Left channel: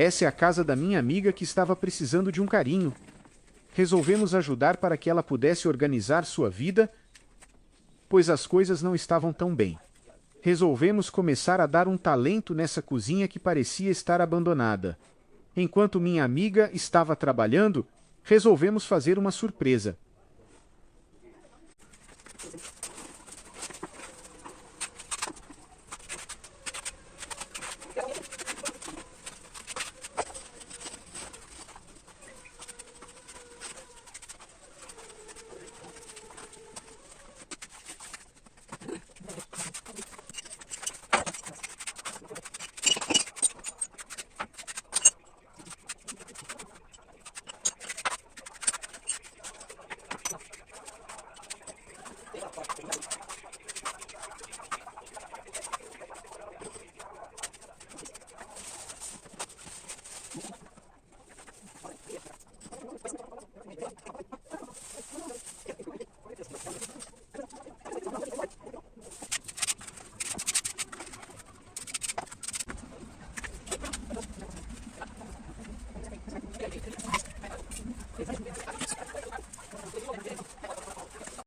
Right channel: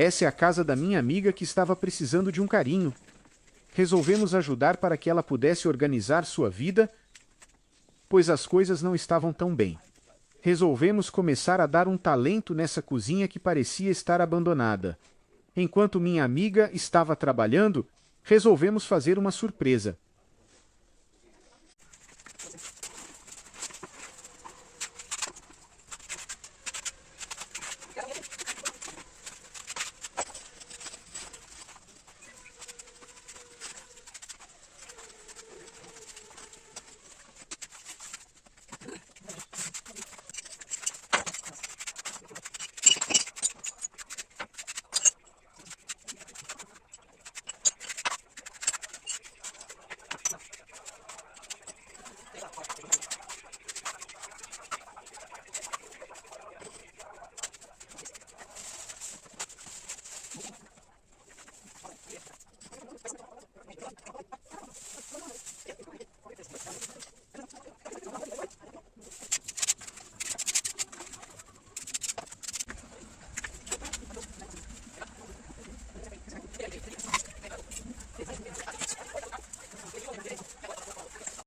Essa é a casa da minha amiga que estava precisando de um carinho. Resolvemos ajudar para que ela pudesse organizar sua vida, pois as coisas não estavam tão bem. Resolvemos começar a dar um talento nessa cozinha que parecia estar abandonada. Enquanto minha amiga estava trabalhando, resolvemos fazer uma surpresa.